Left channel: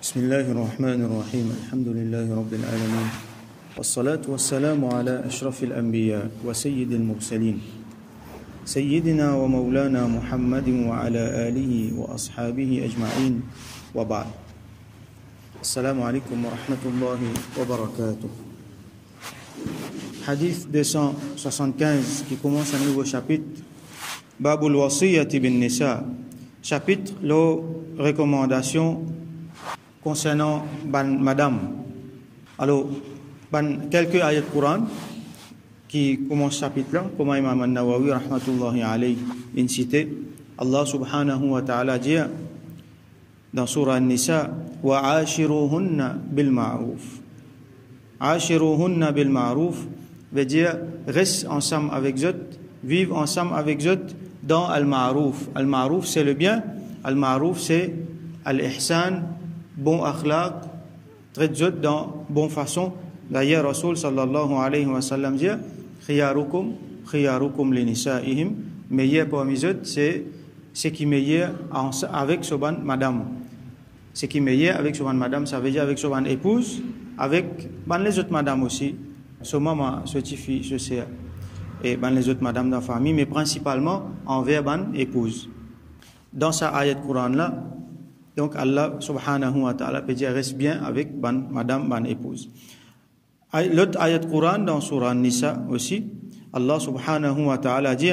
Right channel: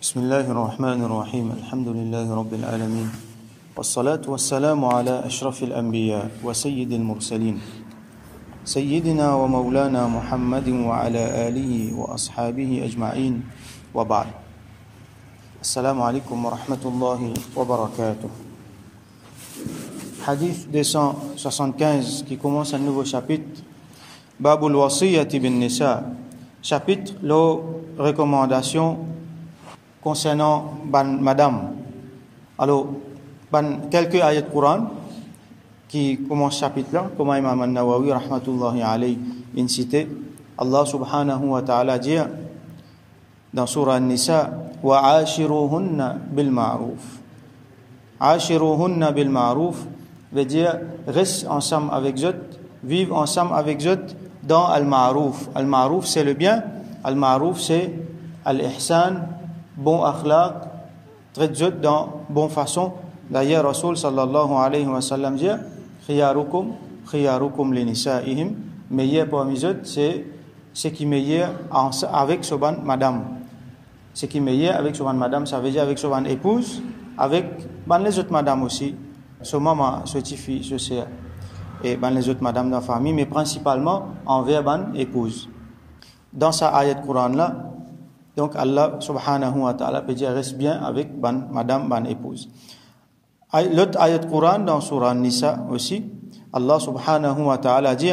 بسم الله الرحمن الرحيم الحمد لله رب العالمين والصلاة والسلام على أشرف الأنبياء وسيد المرسلين سيدنا ومولانا محمد وعلى آله وأصحابه أجمعين وبعد السلام عليكم ورحمة الله وبركاته. Hadith 275 qui commence un nouveau chapitre, Babul Wasiyyati bin Nisa, chapitre la recommandation concernant madame. Alors, quelques ayats de Coran qui commencent ce chapitre-là, comme Imam An-Nawawi rahmatullahi alayhi incité. Allah subhanahu wa ta'ala dit dans surah An-Nisa wa ashiruhunna bil ma'ruf. Ashiruhunna bil ma'ruf veut dire reste ensemble avec eux, vivre ensemble avec eux dans al-ma'ruf. Al-ma'ruf c'est le bien, al-ma'ruf c'est al-ihsan, bon akhlaq, traite eux dans bonne façon. D'ailleurs Rasul sallallahu alayhi wa sallam dit khiyarukum li nisa'ihim, meilleur parmi eux c'est ce qui meilleur avec son madame. Ce qui meilleur avec son madame, ça veut dire avec son épouse, avec les autres madame aussi, son maman, son petit-fils, son sœur, et les autres madame de la famille, mais principalement envers ban épouse. Dans sa ayat Coran là, donc Allah subhanahu wa ta'ala peut dire reste bien avec madame, épouse. L'autre ayat Coran dans surah Nisa aussi, Allah subhanahu wa ta'ala dit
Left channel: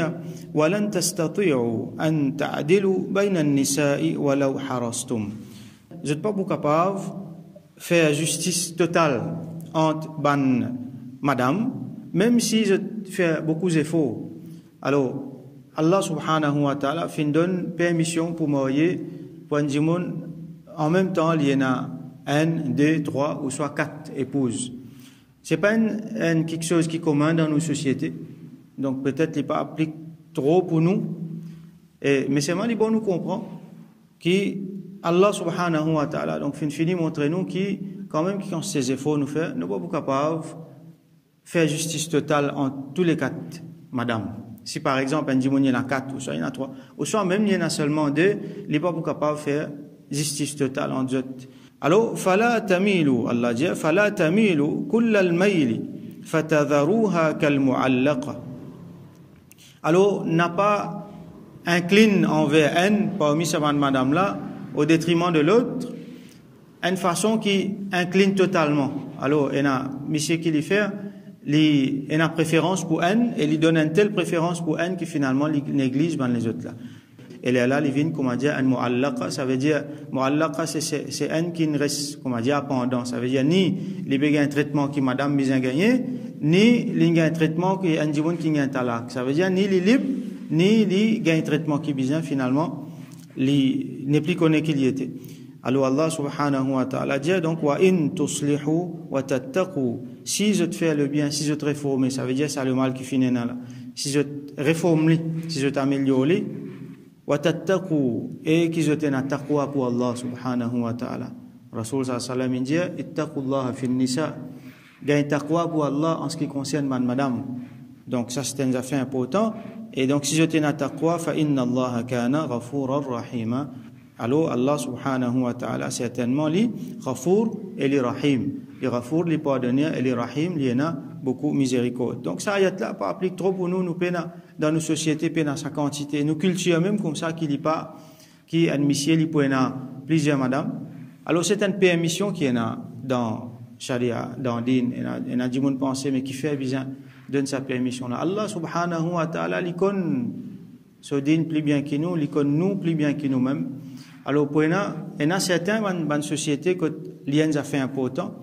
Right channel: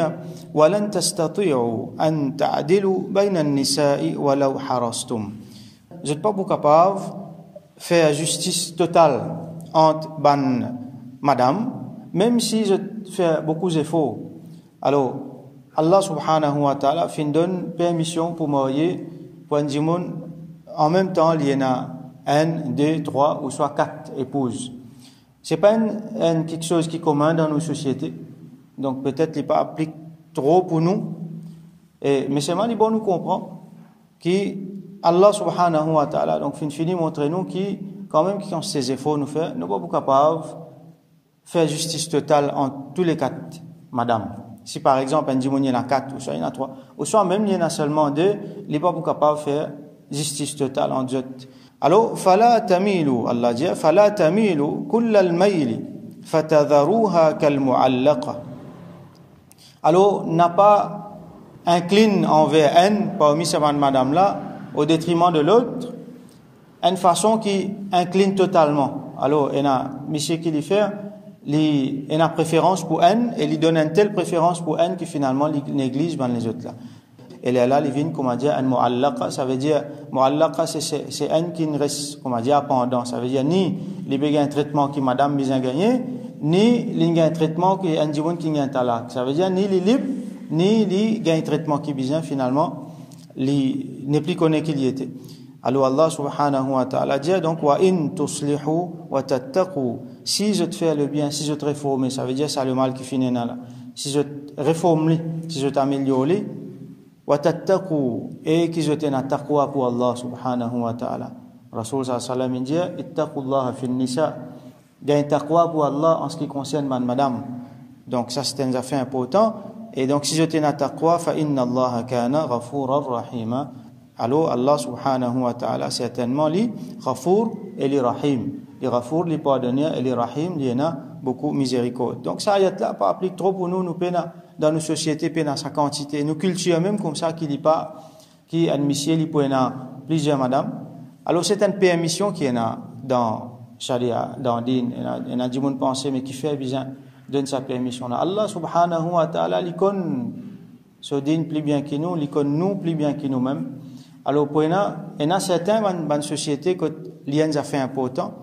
وَلَن تَسْتَطِيعُوا أَن تَعْدِلُوا بَيْنَ النِّسَاءِ وَلَوْ حَرَصْتُمْ. Vous n'êtes pas capables de faire justice totale entre madame, même si je fais beaucoup d'efforts. Alors, Allah subhanahu wa ta'ala fait donne permission pour marier pour un djimoun. En même temps, il y en a 1, 2, 3 ou soit 4 épouses. C'est pas quelque chose qui est commun dans nos sociétés. Donc peut-être il pas applique trop pour nous. Mais c'est mal bon nous comprendre que Allah subhanahu wa ta'ala donc fini montrer nous qui quand même qui ont ces efforts nous faire, nous pas capables faire justice totale en tous les 4 madame. Si par exemple un djimoun il y en a 4 ou soit il y en a 3 ou soit même il y en a seulement 2, il n'est pas capable de faire justice totale en deux. Alors fala tamilu, Allah dit fala tamilu kullal mayli fatadharuha kal mu'allaqa. Alors n'a pas incline envers elle parmi ces madame là au détriment de l'autre, une façon qui incline totalement. Alors il y a monsieur qui lui fait il a préférence pour elle et lui donne une telle préférence pour elle que finalement il néglige les autres là. Et là il vient comment dire un mu'allaqa, ça veut dire mu'allaqa c'est un qui ne reste comment dire pendant, ça veut dire ni il y a un traitement qui madame bien gagné ni il y a un traitement qui un djimoun qui gagne talak, ça veut dire ni il libre ni il y a un traitement qui bien finalement il n'est plus connu qu'il y était. Alors Allah subhanahu wa ta'ala dit donc wa in tuslihu wa tattaqu, si je te fais le bien, si je te réforme, ça veut dire ça le mal qui finit là, si je te réforme, si je t'améliore wa tattaqu, et qui je t'ai na taqwa pour Allah subhanahu wa ta'ala. Rasul sallallahu alayhi wa sallam dit ittaqullaha fin nisa, gagne taqwa pour Allah en ce qui concerne madame. Donc ça c'est une affaire importante. Et donc si je t'ai na taqwa fa inna Allah kana ghafurar rahima. Alors Allah subhanahu wa ta'ala certainement li ghafour et li rahim. Li ghafour, li pardonneur et li rahim, li en a beaucoup miséricorde. Donc ça ayat là pas applique trop pour nous pena dans nos sociétés pena sa quantité, nos cultures même comme ça qui dit pas qui admissiez li pena plusieurs madame. Alors c'est une permission qui en a dans sharia, dans din, en a du monde penser mais qui fait bien donne sa permission là. Allah subhanahu wa ta'ala li connaît ce din plus bien que nous, li connaît nous plus bien que nous-mêmes. Alors pour il y a certains dans société que l'ien a fait important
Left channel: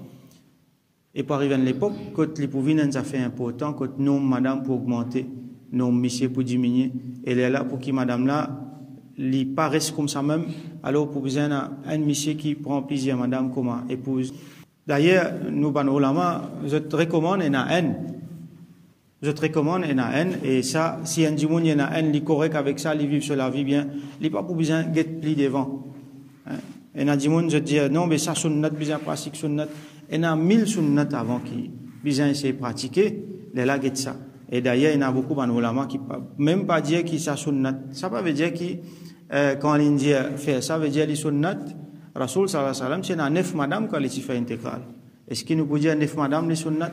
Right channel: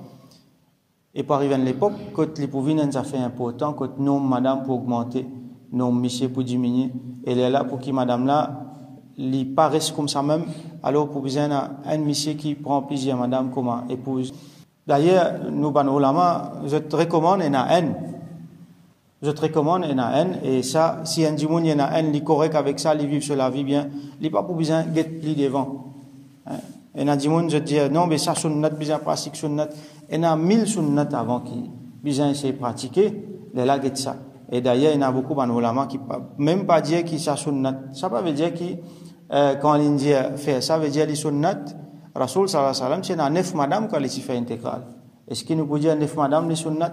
et par arriver à l'époque que les pouvinens a fait important que nom madame pour augmenter, nom monsieur pour diminuer, et elle est là pour qui madame là li paraisse comme ça même. Alors pour besoin un monsieur qui prend plaisir madame comme épouse. D'ailleurs nous ban ulama je te recommande je te recommande et ça si un djimoun y en a un li correct avec ça li vivre sur la vie bien li pas pour besoin get pli devant et un djimoun je dis non mais ça sunnat besoin pratique sunnat et a 1000 sunnat avant qui besoin essayer pratiquer les là get ça. Et d'ailleurs il y en a beaucoup dans ulama qui même pas dire qui ça sunnat, ça pas veut dire qui quand il dit faire ça veut dire les sunnat Rasoul sallallahu alayhi wa sallam c'est na 9 madame quand les fait intégral. Est-ce qu'il nous peut dire 9 madame les sunnat?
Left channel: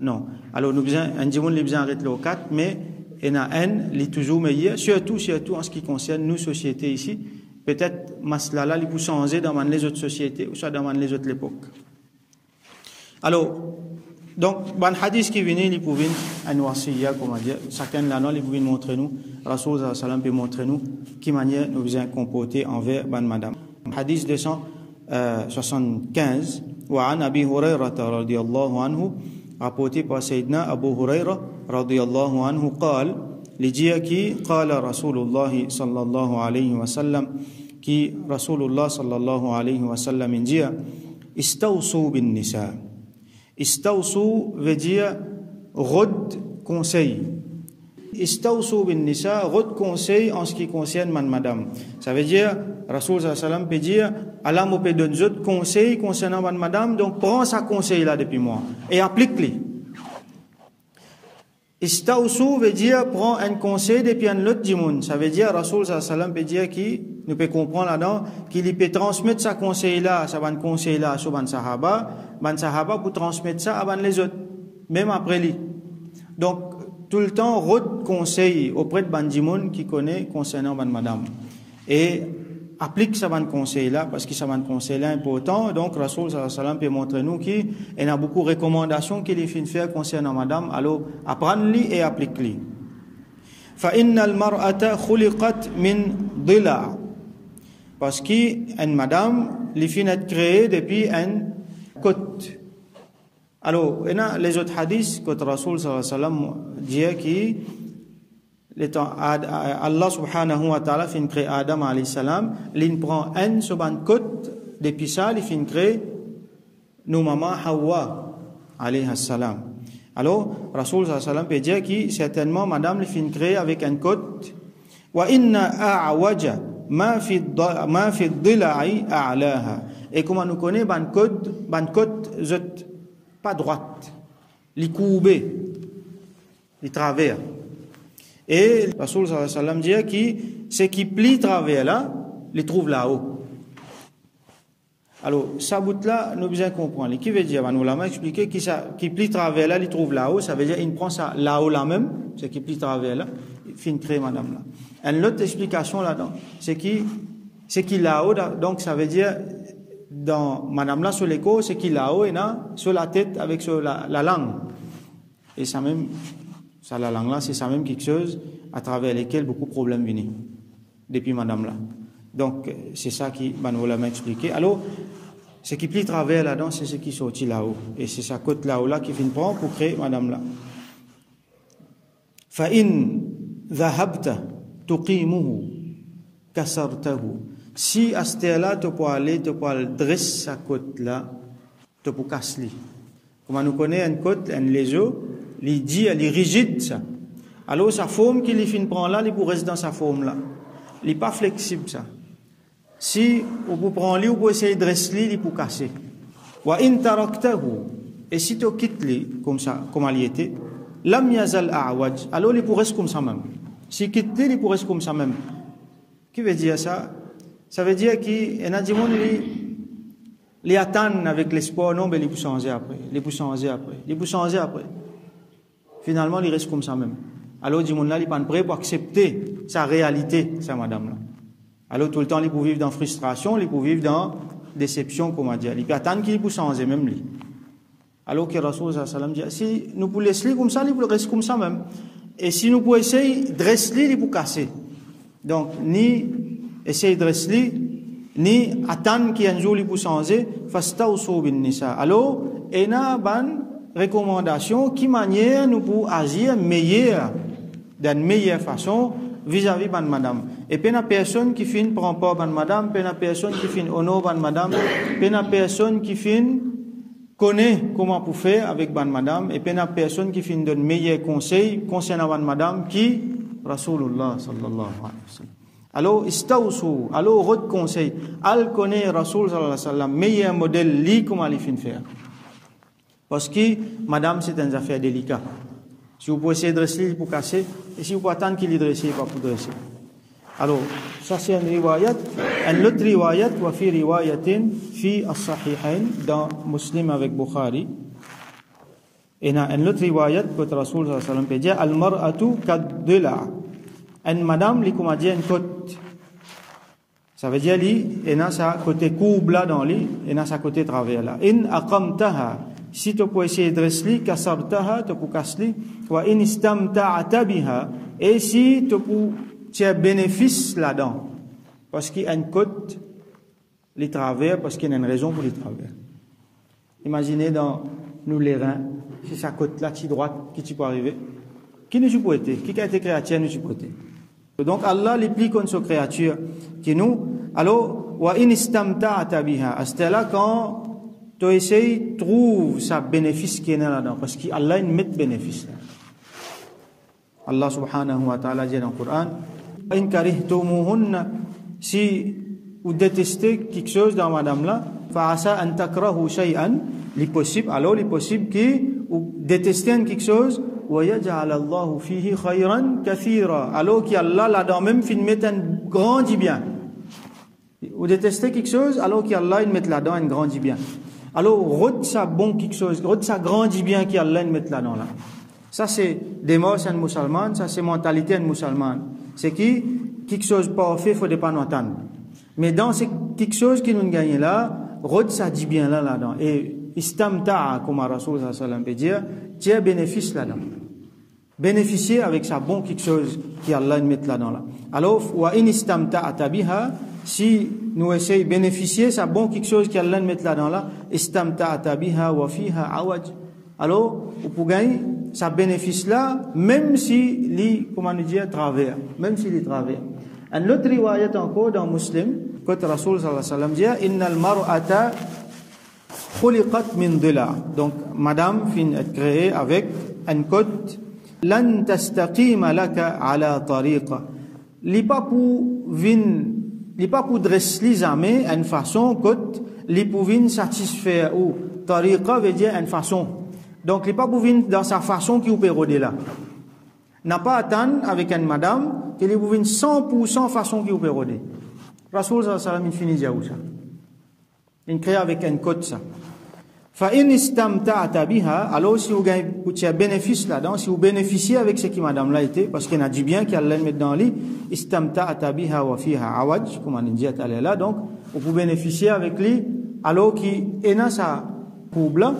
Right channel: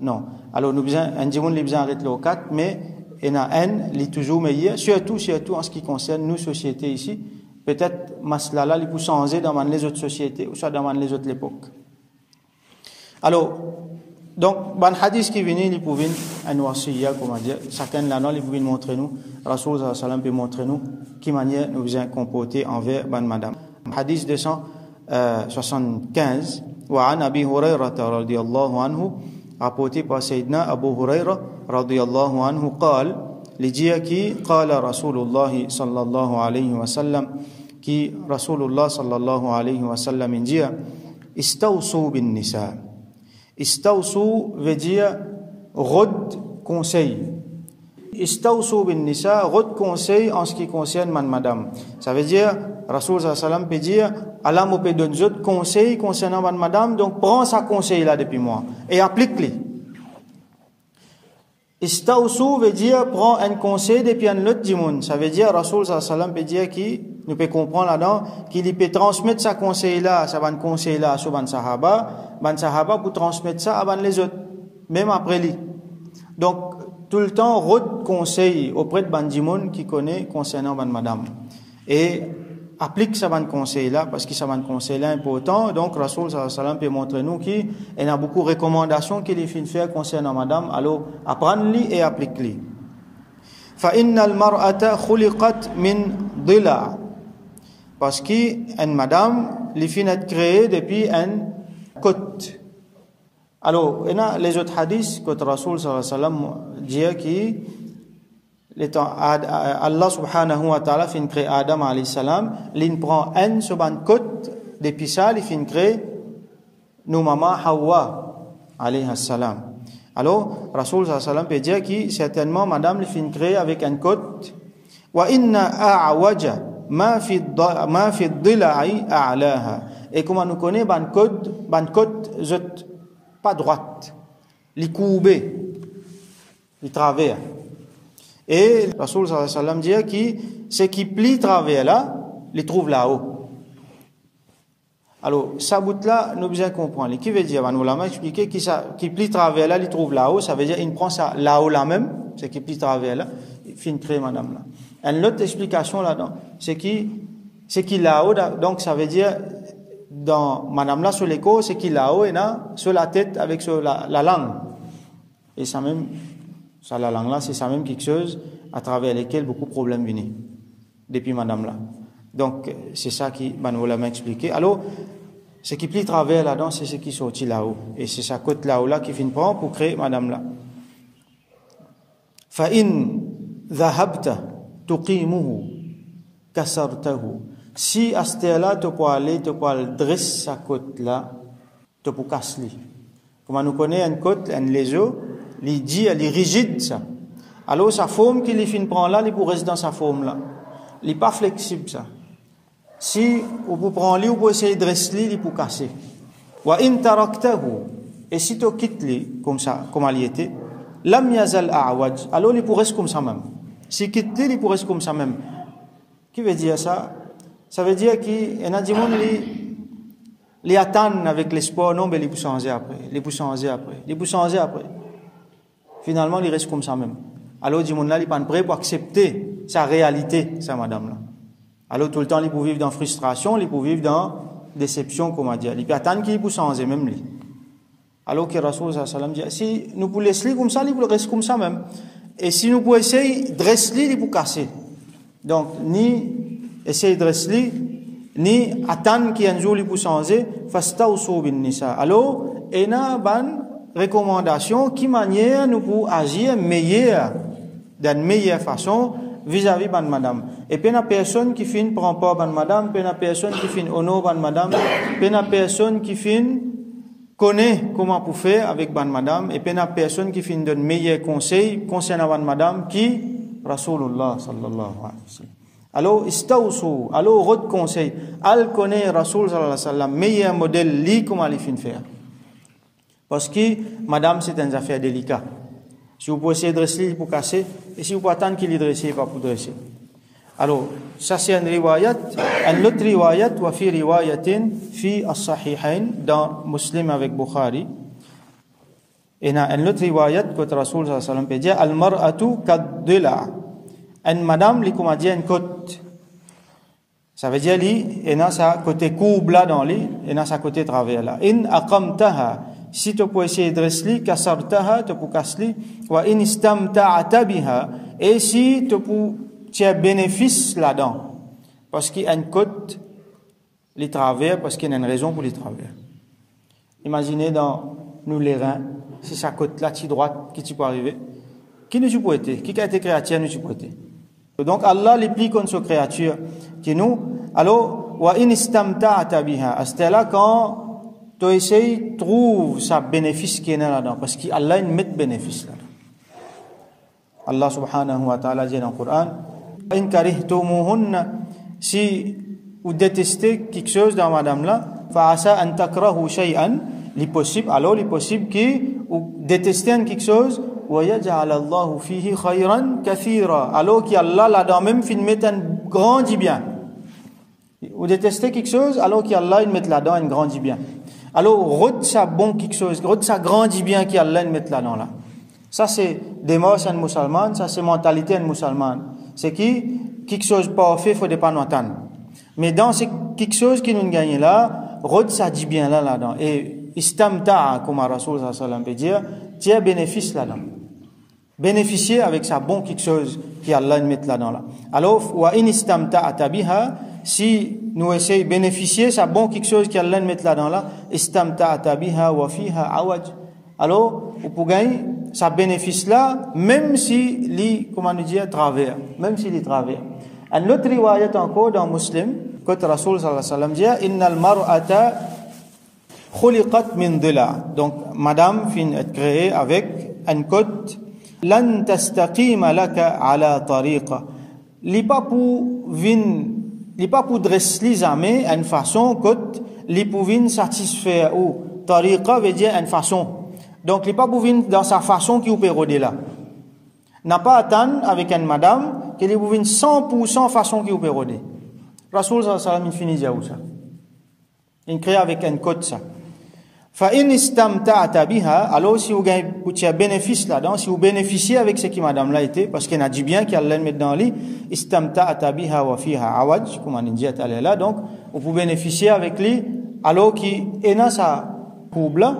Non. Alors nous besoin un dimoun les besoin arrêter le 4 mais il y en a un les toujours meilleur surtout en ce qui concerne nous sociétés ici. Peut-être maslala il peut changer dans les autres sociétés ou soit dans les autres époques. Alors donc ban hadith qui vient il pouvait un wasiya comment dire chacun là non il pouvait montrer nous Rasoul sallallahu alayhi wa sallam peut montrer nous qui manière nous besoin comporter envers ban madame. Hadith 275 وعن أبي هريرة رضي الله عنه rapporté par Sayyidina Abu Huraira radiyallahu anhu قال لجيا كي قال رسول الله صلى الله عليه وسلم كي رسول الله صلى الله عليه وسلم جيا استوصوا بالنساء استوصوا veut dire rod conseil istawsu bin nisa rod conseil en ce qui concerne madame. Ça veut dire Rasoul sallallahu alayhi wa sallam peut dire Allah me peut donner d'autres conseils concernant madame, donc prends sa conseil là depuis moi et applique-les. Istawsu veut dire prends un conseil depuis un autre dimoun. Ça veut dire Rasoul sallallahu alayhi wa sallam peut dire qui nous peut comprendre là-dedans qu'il peut transmettre sa conseil là, sa ban conseil là sur ban sahaba pour transmettre ça à les autres même après lui. Donc tout le temps rod conseil auprès de bandimoun qui connaît concernant madame et applique ce conseil là parce que ce conseil là est important. Donc Rasoul sallallahu alayhi wa sallam peut montrer nous qu'il y a beaucoup de recommandations qu'il est fait faire concernant madame, alors apprendre-les et applique-les. Fa innal mar'ata khuliqat min dila, parce que une madame les fin est créée depuis un côte. Alors il y a les autres hadiths que Rasoul sallallahu alayhi wa sallam dit que Allah subhanahu wa ta'ala fin créé Adam alayhi salam, l'in prend un sur ban côte depuis ça il fin créé nous maman Hawa alayhi salam. Alors Rasoul sallallahu alayhi wa sallam peut dire que certainement madame il fin créé avec un côte wa inna a'waja ma fi dhila'i a'laha, et comment nous connaît ban côte pas droite, li courbé, li travers. Et Rasoul sallallahu alayhi wa sallam dit que ce qui plie travers là, les trouve là-haut. Alors, ça bout là, nous besoin comprendre. Qui veut dire, nous l'avons expliqué, qui plie travers là, les trouve là-haut, ça veut dire, il prend ça là-haut là même, ce qui plie travers là, il finit créer madame là. Une autre explication là-dedans, c'est qui là-haut, donc ça veut dire, dans madame là sur l'écho, c'est qui là-haut et là sur la tête avec sur la langue. Et ça même, ça la langue là, c'est ça même quelque chose à travers lesquels beaucoup de problèmes viennent depuis madame là. Donc c'est ça qui nous l'a expliqué. Alors ce qui plie travers là-dedans, c'est ce qui sortit là-haut et c'est sa côte là-haut là qui finit prendre pour créer madame là. Fa in dhahabta tuqimuhu kasartahu, si à ce là tu peux aller dresser sa côte là, tu peux casser. Comme nous connaissons une côte, un lézard, il dit, elle est rigide ça. Alors sa forme qu'il fin prend là, il peut rester dans sa forme là. Il n'est pas flexible ça. Si on peut prendre lui, on peut essayer de dresser, il peut casser. Wa in taraktahu, et si tu quittes lui comme ça, comme il était, lam yazal a'waj, alors il peut rester comme ça même. Si quitte lui, il peut rester comme ça même. Qui veut dire ça? Ça veut dire qu'il y a des gens qui attendent avec l'espoir, non, mais ils peuvent changer après. Finalement, il reste comme ça même. Alors, les gens là, ils sont prêts pour accepter sa réalité, ça, madame là. Alors, tout le temps, ils peuvent vivre dans frustration, ils peuvent vivre dans déception, comme on dit. Ils peuvent attendre qu'ils peuvent changer même lui. Alors que Rasoul sallallahu alayhi wa sallam dit, si nous pouvons laisser comme ça, ils peuvent rester comme ça même. Et si nous pouvons essayer de dresser, ils peuvent casser. Donc, ni essayer de dresser, ni attendre qu'un jour il peut changer, fastawsu bin nisa. Alors, il y a une recommandation qui manière nous pour agir meilleur, d'une meilleure façon vis-à-vis de madame. Et puis, il y a personne qui finit prend pas de madame, puis il y a personne qui finit honore de madame, puis il y a personne qui finit connaît comment pour faire avec ban madame, et puis il y a personne qui finit donne meilleurs conseils concernant ban madame qui Rasulullah sallallahu alayhi wa sallam. Alors, istawsu, alors, votre conseil, al connaît Rasoul sallallahu alayhi wa sallam, meilleur modèle, li comment il finit faire. Parce que, madame, c'est une affaire délicate. Si vous pouvez essayer de dresser, il faut casser, et si vous pouvez attendre qu'il y dresse, il va pour dresser. Alors, ça c'est une riwayat. Un autre riwayat, wa fi riwayatin fi as-sahihain, dans Muslim avec Bukhari. Et dans une autre riwayat, que Rasul sallallahu alayhi wa sallam peut dire, al-mar'atu kad-dila. Une madame, li comme dit, une côte. Ça veut dire, li, et dans sa côté courbe là dans li, et dans sa côté travers là. In aqamtaha, si tu peux essayer de dresser, kasartaha, tu peux casser, wa in istamta'ata biha, et si tu as bénéfice là-dedans, parce qu'il y a une côte, les travers, parce qu'il y a une raison pour les travers. Imaginez dans nous les reins, c'est sa côte là, qui droite, qui tu peux arriver. Qui ne peut être? Qui a été créature ne peut être? Donc Allah les plie contre sa créature qui nous. Alors, wa in istamta'ata biha, à ce là quand tu essayes trouve sa bénéfice qui est là-dedans, parce qu'Allah met bénéfice là. Allah subhanahu wa ta'ala dit dans le Coran, in karihtumuhunna, si vous détestez quelque chose dans madame là, fa asa an takrahu shay'an, li possible, alors li possible que vous détestez quelque chose, wa yaj'al Allahu fihi khayran kathira, alors qu'Allah là-dedans même fin met un grand bien. Vous détestez quelque chose, alors qu'Allah il met là-dedans un grand bien. Alors rod ça bon quelque chose, rod ça grand bien qu'Allah il met là-dedans là. Ça c'est démarche en musulman, ça c'est mentalité en musulman. C'est qui quelque chose parfait faut pas nous attendre. Mais dans c'est quelque chose qui nous gagne là, rod ça dit bien là-dedans. Et istamta'a comme Rasul sallallahu alayhi wa sallam peut dire, tu as bénéfice là-dedans. Bénéficier avec ça bon quelque chose qui Allah met là-dedans là. Alors wa in istamta'ata biha, si nous essayons de bénéficier ça bon quelque chose qui Allah met là-dedans là, istamta'ata biha wa fiha awaj. Alors pour gagner ça bénéfice là, même si les, comment nous dire, travers, même si les travers. Un autre riwayat encore dans Muslim, quand Rasul sallallahu alayhi wa sallam dit, innal mar'ata khuliqat min dila. Donc, madame fin est créée avec un côte, lan tastaqima laka ala tariqa. Li pas pour dresser les amis une façon côte, li pour vin satisfaire ou tariqa veut dire une façon. Donc, il n'est pas pour venir dans sa façon qui vous peut rôder là. N'a pas attendre avec une madame qu'il est pour venir 100% façon qui vous peut rôder. Rasul sallallahu alayhi wa sallam finit déjà où ça. Il crée avec un code ça. Fa in istamta'ata biha, alors si vous gagnez un bénéfice là-dedans, si vous bénéficiez avec ce qui madame là était, parce qu'il a dit bien qu'il allait mettre dans lui, istamta'ata biha wa fiha awaj, comme on dit là, donc vous pouvez bénéficier avec lui, alors qu'il est dans sa courbe là,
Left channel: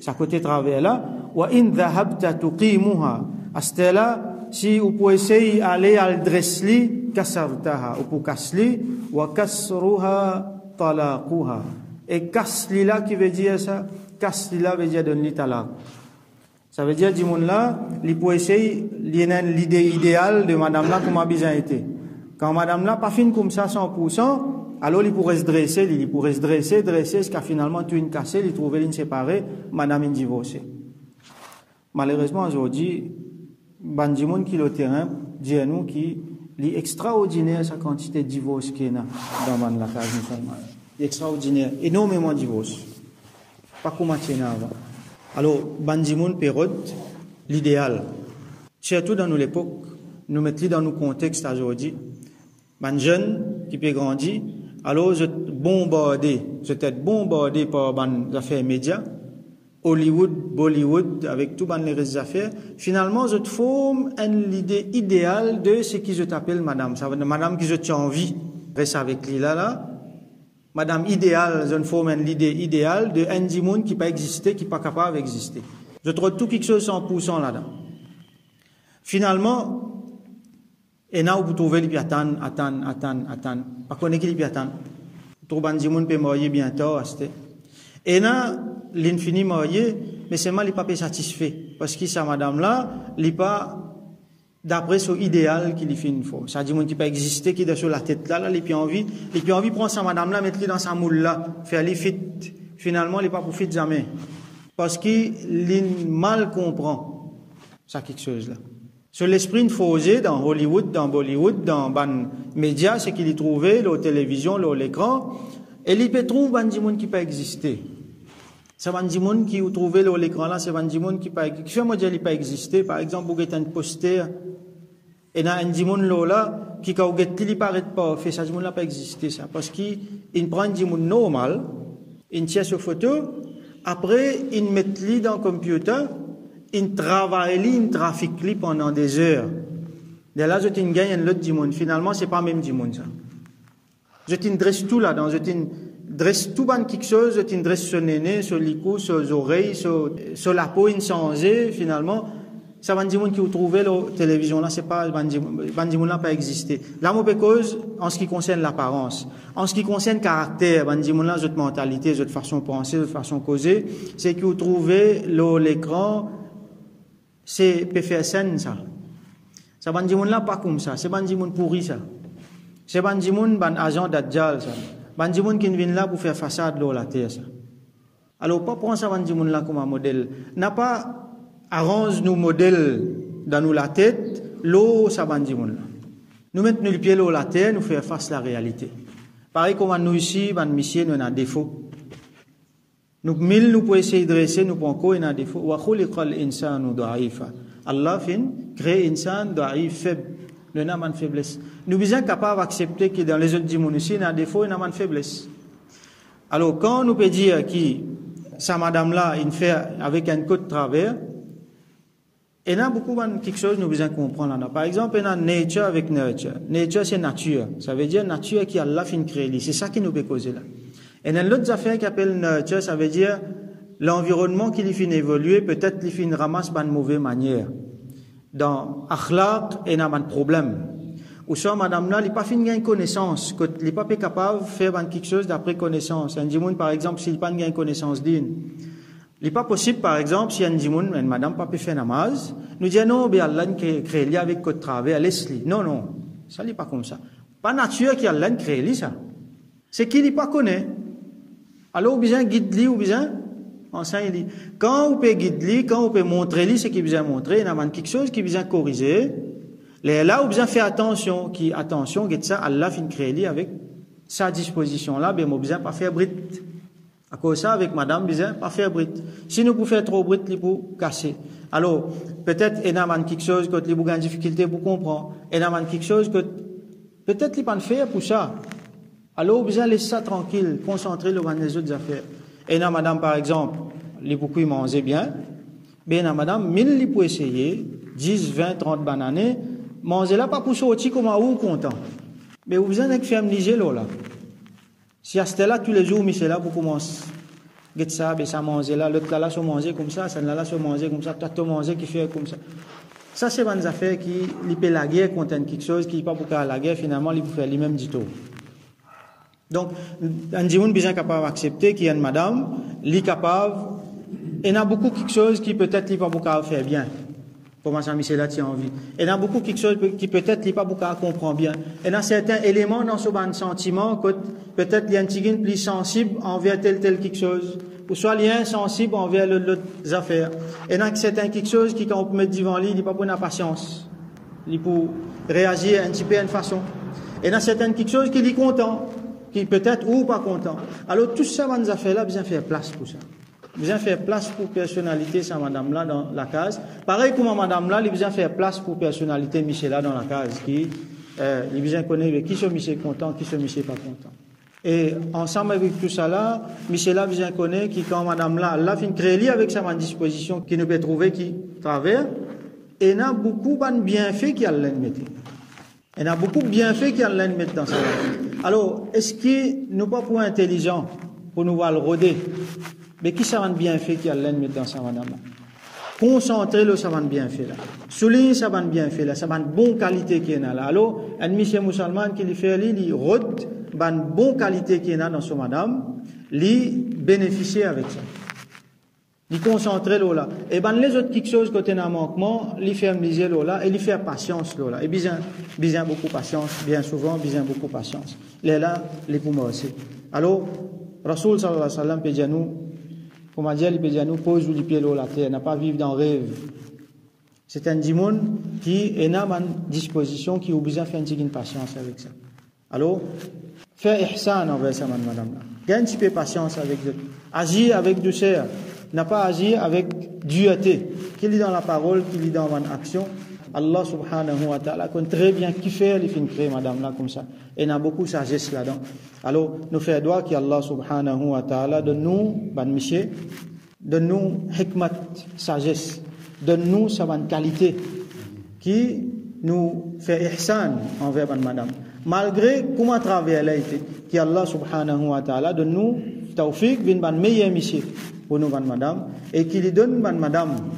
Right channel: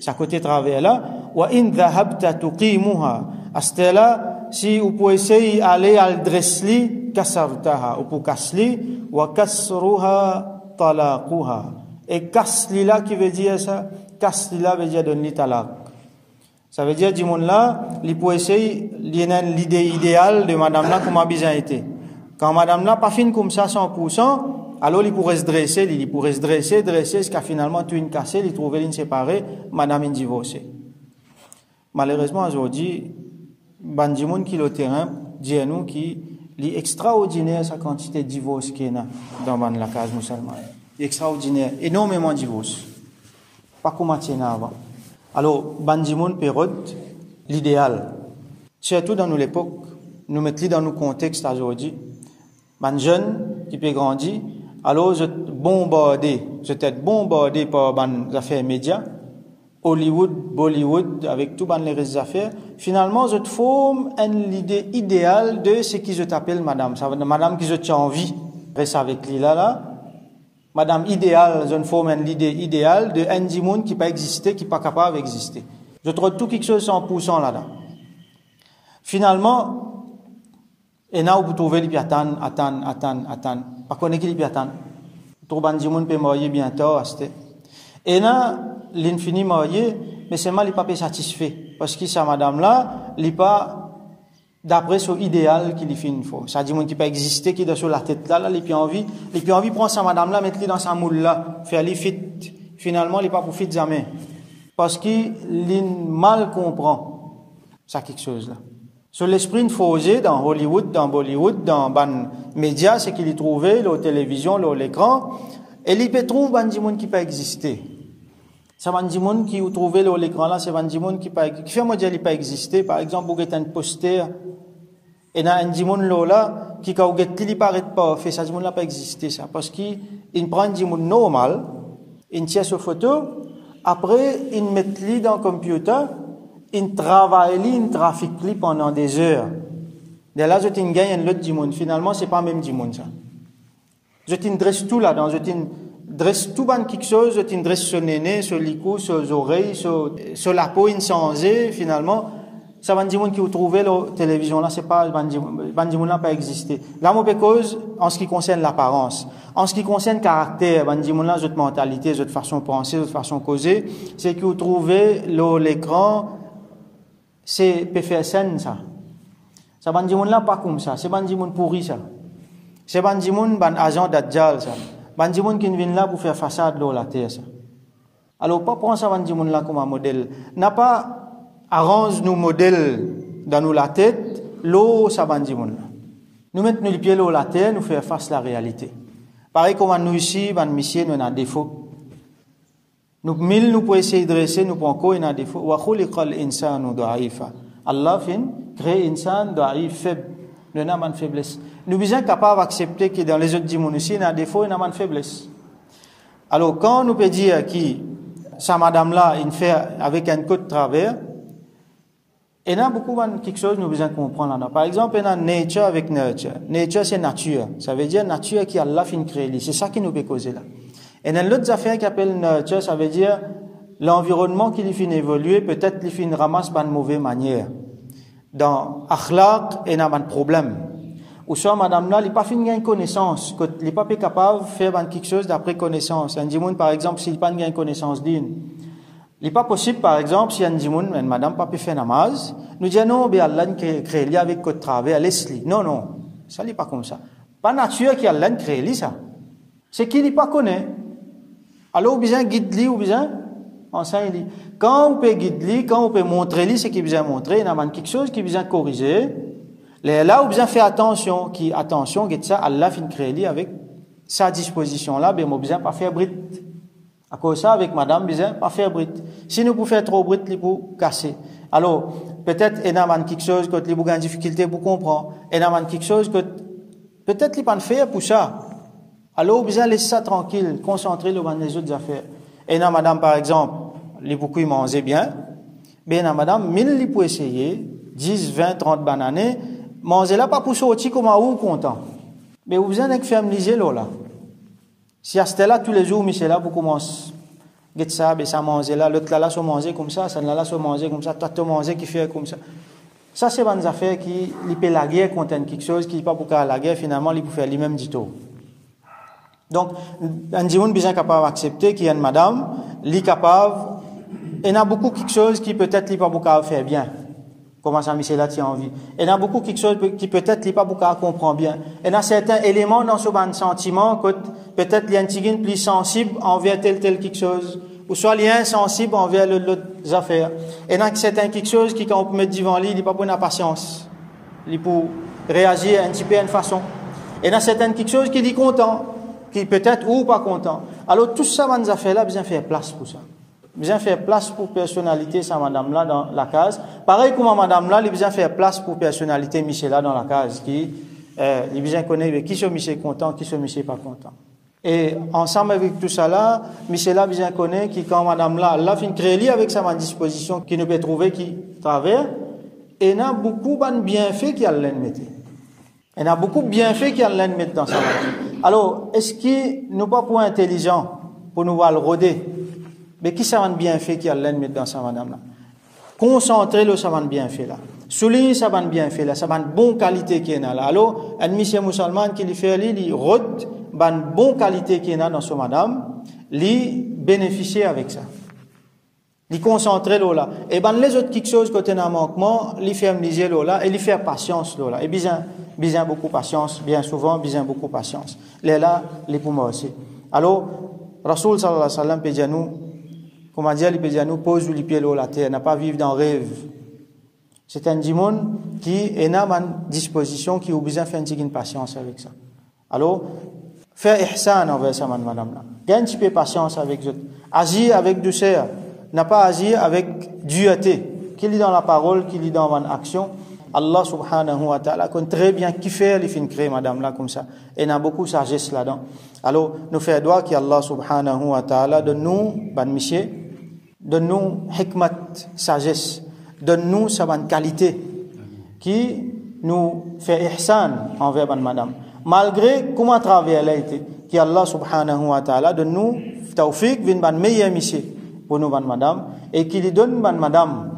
sa côté travers là, wa in dhahabta tuqimuha, à ce là si vous pouvez essayer d'aller à le dresser kasartaha, ou pour kasli wa kasruha talaquha, et kasli là qui veut dire ça, kasli là veut dire donner talaq, ça veut dire du monde là il peut essayer l'idée idéale de madame là comment bien été, quand madame là pas fine comme ça 100%, alors il pourrait se dresser, jusqu'à finalement tout une cassée, il trouver une séparée, madame une divorcée. Malheureusement aujourd'hui, bandimoun qui le terrain dit à nous qui est extraordinaire sa quantité de divorce qu'il y a dans la case musulmane. Extraordinaire, énormément de divorce. Pas comme avant. Alors bandimoun période l'idéal. Surtout dans l'époque, nous mettons dans nos contextes aujourd'hui. Un jeune qui peut grandir, alors je suis bombardé par les affaires médias, Hollywood, Bollywood, avec tout les affaires. Finalement, je forme une idée idéale de ce qui je t'appelle madame. Ça veut dire madame qui je t'ai envie, reste avec lui là. Madame idéale, je forme une idée idéale de un monde qui peut exister, qui n'est pas capable d'exister. Je trouve tout quelque chose 100% là-dedans. Finalement, et là, vous trouvez les attendre. Pas qu'on est qui les attendre. Tout le monde peut marier bientôt. Et là, l'infini marié, mais c'est mal, il n'est pas satisfait. Parce que sa madame-là, il n'est pas d'après son idéal qu'il fait une fois. Ça dit, mon qui peut exister, qui est sur la tête là, il a envie de prendre sa madame-là, mettre dans sa moule là, faire les fit. Finalement, il n'est pas pour fit jamais. Parce qu'il mal comprend. Ça, quelque chose là. Sur l'esprit fausé dans Hollywood, dans Bollywood, dans les médias, c'est qu'il y trouvait, la télévision, l'écran, et il peut trouver des gens qui peuvent exister. C'est des gens qui ont trouvé l'écran là, c'est des gens qui peuvent exister. Par exemple, vous avez un poster, et dans un gens là, qui quand il paraît pas fait ça, n'a pas existé ça, parce qu'il prend un dimoun normal, il tient sur photo, après il met lui dans le computer, il travaille lui, il trafique lui pendant des heures. Et là, je gagne un autre dimoun. Finalement, c'est pas même dimoun ça. Je t'indresse tout là-dedans, je t'indresse tout ban quelque chose, je t'indresse sur le néné, sur les coups, sur les oreilles, sur la peau insensée, finalement. Ça va dire qui vous trouvez la télévision là, c'est pas bandimoun n'a pas existé. Là, mon cause en ce qui concerne l'apparence, en ce qui concerne le caractère, bandimoun là, votre mentalité, votre façon de penser, votre façon de causer, c'est que vous trouvez l'écran, c'est PFSN ça. Ça bandimoun là pas comme ça, c'est bandimoun pourri ça. C'est bandimoun ban agent d'adjal ça. Bandimoun qui vient là pour faire façade là la terre ça. Alors pas prendre ça bandimoun là comme un modèle. N'a pas arrange nos modèles dans nous la tête, l'eau, ça bandimoun. Nous mettons le pied dans la terre, nous faire face à la réalité. Pareil comme nous ici, ban monsieur, nous avons un défaut. Nous, mille, nous pouvons essayer de dresser, nous pouvons encore un défaut. Wa khuliqal insanu da'ifa. Allah fin, crée insan da'if, faible. Nous avons une faiblesse. Nous sommes capables d'accepter que dans les autres dimons ici, nous avons un défaut et nous avons une faiblesse. Alors, quand nous pouvons dire que sa madame-là, il fait avec un coup de travers, il y a beaucoup de quelque chose que nous devons comprendre là. Par exemple, il y a nature avec nurture. Nature, c'est nature. Ça veut dire nature qui a Allah fin créé. C'est ça qui nous peut causer là. Et il y a l'autre affaire qui appelle nurture, ça veut dire l'environnement qui lui fait évoluer, peut-être lui fait ramasse pas de mauvaise manière. Dans akhlaq, il y a un problème. Ou soit madame là, il n'est pas fait une connaissance, il n'est pas capable de faire quelque chose d'après connaissance. Un dimoun, par exemple, s'il n'a pas une connaissance digne. Il n'est pas possible, par exemple, si un dimoun, une madame, pas pu faire namaz, nous dit non, ben Allah crée li avec côté travers, laisse-li. Non, non, ça n'est pas comme ça. Pas nature qui Allah crée li ça. C'est qu'il n'est pas connaît. Alors, ou bien guide li, ou bien enseigne li. Quand on peut guide li, quand on peut montrer li, c'est qu'il besoin montrer, il y a quelque chose qui besoin corriger. Là, on besoin faire attention, guide ça, Allah fin crée li avec sa disposition là, ben, on besoin pas faire brit. À cause ça, avec madame, besoin pas faire brit. Si nous pouvons faire trop brit, il faut casser. Alors, peut-être, il y a quelque chose que les gens ont une difficulté pour comprendre. Il y a quelque chose que, peut-être, ils ne peuvent pas faire pour ça. Alors, besoin laisser ça tranquille, concentrer sur les autres affaires. Et il y a madame, par exemple, les beaucoup, ils mangeaient bien. Mais il y a madame, 1000, ils peuvent essayer, 10, 20, 30 bananes, manger là, pas pour sortir comme un ou content. Mais vous besoin d'être familier là. Si à ce là tous les jours, Michel là pour commencer, get ça, ben ça manger là, l'autre là se manger comme ça se manger comme ça, toi te manger qui fait comme ça. Ça c'est une affaire qui il peut la guerre contre quelque chose qui pas pour la guerre finalement il peut faire lui-même du tout. Donc un dimoun bien capable d'accepter qu'il y a une madame, li capable, et il y a beaucoup quelque chose qui peut-être il pas pour faire bien. Comment ça, Michel là, tu as envie. Il y a beaucoup quelque chose qui peut-être n'est pas beaucoup à comprendre bien. Il y a certains éléments dans ce sentiment que peut-être il y a un petit plus sensible envers tel quelque chose, ou soit il y a insensible envers l'autre affaire. Il y a certains quelque chose qui, quand on peut mettre devant lui, il n'est pas pour la patience. Il pour réagir un petit peu d'une façon. Il y a certains quelque chose qui est content, qui peut-être ou pas content. Alors tout ça, dans affaires-là, besoin faire place pour ça. Besoin faire place pour personnalité sa madame là dans la case. Pareil comme madame là, il besoin faire place pour personnalité Michel là dans la case qui il besoin connaître qui sont Michel content, qui sont Michel pas content. Et ensemble avec tout ça là, Michel là besoin connaître qui quand madame là fin très lié avec sa disposition qui ne peut trouver qui travers et il y a beaucoup de bienfaits qui allait mettre. Il y a beaucoup de bienfaits qui allait mettre dans sa vie. Alors, est-ce qu'il nous pas pour intelligent pour nous voir le roder? Mais qui ça va bien fait qui a l'aide mettre dans sa madame là? Concentrer le ça va bien fait là. Souligner ça va bien fait là, ça va une bonne qualité qui est là. Alors, un monsieur musulman qui lui fait il rôde une bonne qualité qui est là dans sa madame, lui bénéficier avec ça. Lui concentrer là. Et ben les autres quelque chose côté d'un manquement, lui faire miser là et lui faire patience là. Et bien beaucoup patience, bien souvent bien beaucoup patience. Les là les pour moi aussi. Alors, Rasoul sallallahu alayhi wa sallam peut dire nous comment dire, il peut dire nous pose les pieds la terre, n'a pas vivre dans le rêve. C'est un dimoun qui est dans une disposition qui a besoin de faire une patience avec ça. Alors, faire ihsan envers ça, madame là. Gagne un petit peu patience avec eux. Agir avec douceur. N'a pas agir avec dureté. Qu'il est dans la parole, qu'il est dans une action. Allah subhanahu wa ta'ala connaît très bien qui fait les fins créer madame là comme ça. Et il y a beaucoup de sagesse là-dedans. Alors, nous faisons droit qu'Allah subhanahu wa ta'ala donne-nous, ban monsieur, donne-nous hikmat, sagesse, donne-nous sa bonne qualité, qui nous fait ihsan envers ban madame. Malgré comment à travers elle a été, qu'Allah subhanahu wa ta'ala donne-nous tawfiq, vin ban meilleur monsieur pour nous ban madame, et qu'il donne ban madame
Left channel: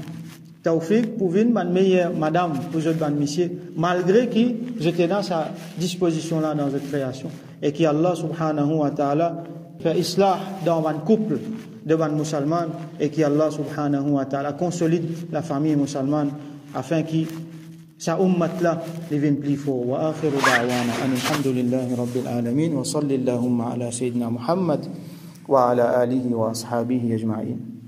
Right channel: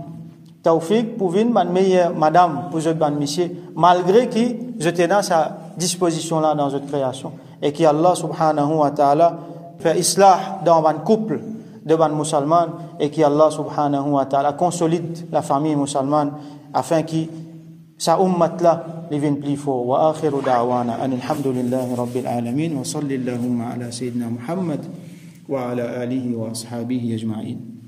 tawfiq pour venir ban meilleure madame pour votre ban monsieur, malgré qui j'étais dans sa disposition là dans votre création. Et que Allah subhanahu wa ta'ala fait islah dans un couple de ban musulmans et que Allah subhanahu wa ta'ala consolide la famille musulmane afin que sa ummat là devienne plus fort. Wa akhiru da'wana alhamdulillahi rabbil alamin wa sallallahu ala sayyidina Muhammad wa ala alihi wa ashabihi ajma'in.